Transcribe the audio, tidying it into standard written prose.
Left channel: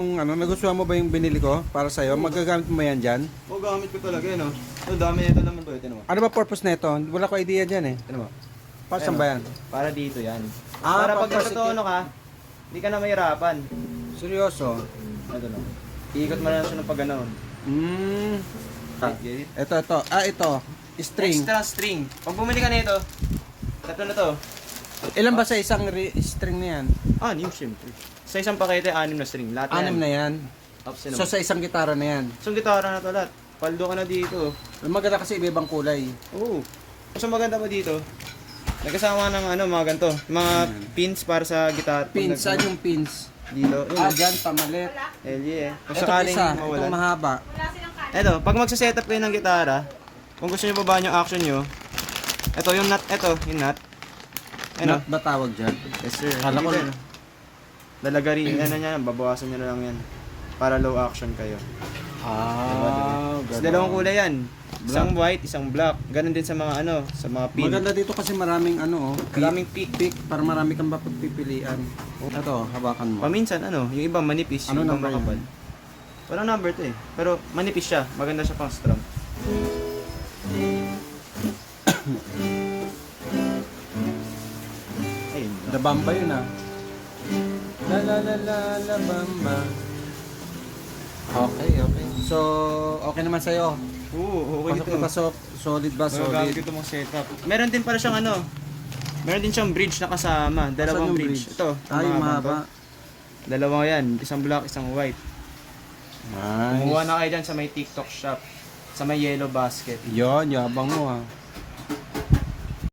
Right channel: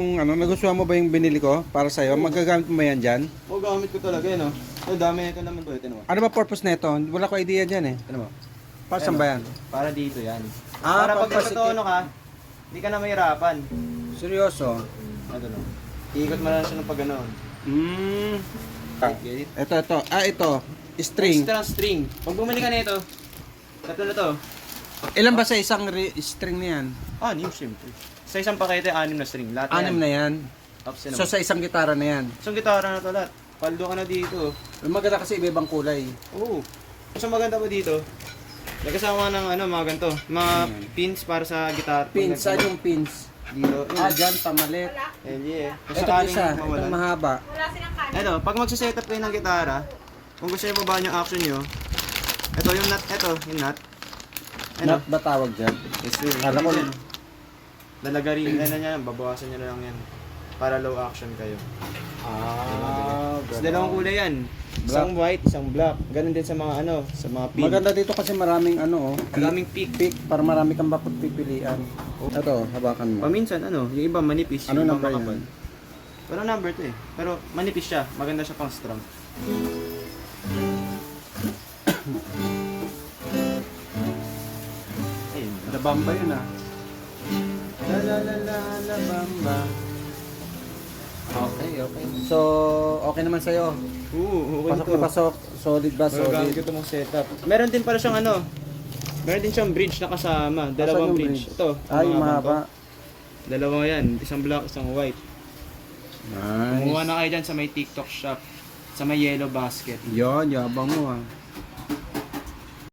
Kung ano, nagustuhan mo ba yung binili ko para sa'yo? Magagamit mo yan dyan? Oo, gamit ko talaga yan, oh. Ito, dami nito naman to. Ito naman. Ano ba purpose na ito? Wala ko idea dyan eh. Ito naman. Para saan ba yan? Para dito yan. Ah, para pag pampasikip. nagkatono ka, hindi ka na mahirapan. Seryoso? Ito na. Iikot mo na siya ng pag gano'n. Okay. Ito. Ito. String. Extra string. Pag bumili ka nito, ito na to. Ilan ba sa isang string na yan? 6, siyempre. Sa isang pakete, 6 na string. Lahat 6 na yan. Tapos So sa isang gitara na yan. so, gitara na to lahat. Paldo ka na dito. Maganda kasi iba-ibang kulay. Oo. Mas maganda pa dito. Nagkasama ng mga ganito. Mga pins para sa gitara. Pins, saan yung pins? Dito. Dyan, pamalit. LG eh. Kung Ito sakaling isa, mawalan. itong mahaba. Ito, pag magsa-setup kayo ng gitara, kung gusto niyo babaan yung action niyo, ito yung nut. Nut ba tawag dyan? Yes sir. Kala ko- Lalagarin na niya, babawasan niyo na lang yan. Para low action kayo. Tapos dalawang kulay yan. Isang white, isang black. Ganon din sa mga sa mga pin. Maganda dito kasi maraming Maraming pick. pick para marami kang mapagpipilian. Ito, hawakan mo. Minsan yung iba manipis. Ano yung number makapal. yan? Pero number to eh. Pero manipis siya. Maganda siya pang strum. Ayun. Dabamba yun ah. La bamba. Okay. So, okay naman sa'yo. Oo, okay Pasok ito. na pasok. Solid ba? Solid. Solid. Ito mong setup. Meron din pala siyang meron din siyang bridge na kasama. Saan Dalawang yung bridge. Ito. Ay, yung mahaba. Dalawa yan. Isang black, isang white. Kumuha Nice. na kayo dyan sa may TikTok shop. Sa may yellow basket. Yon, yabang mo ah.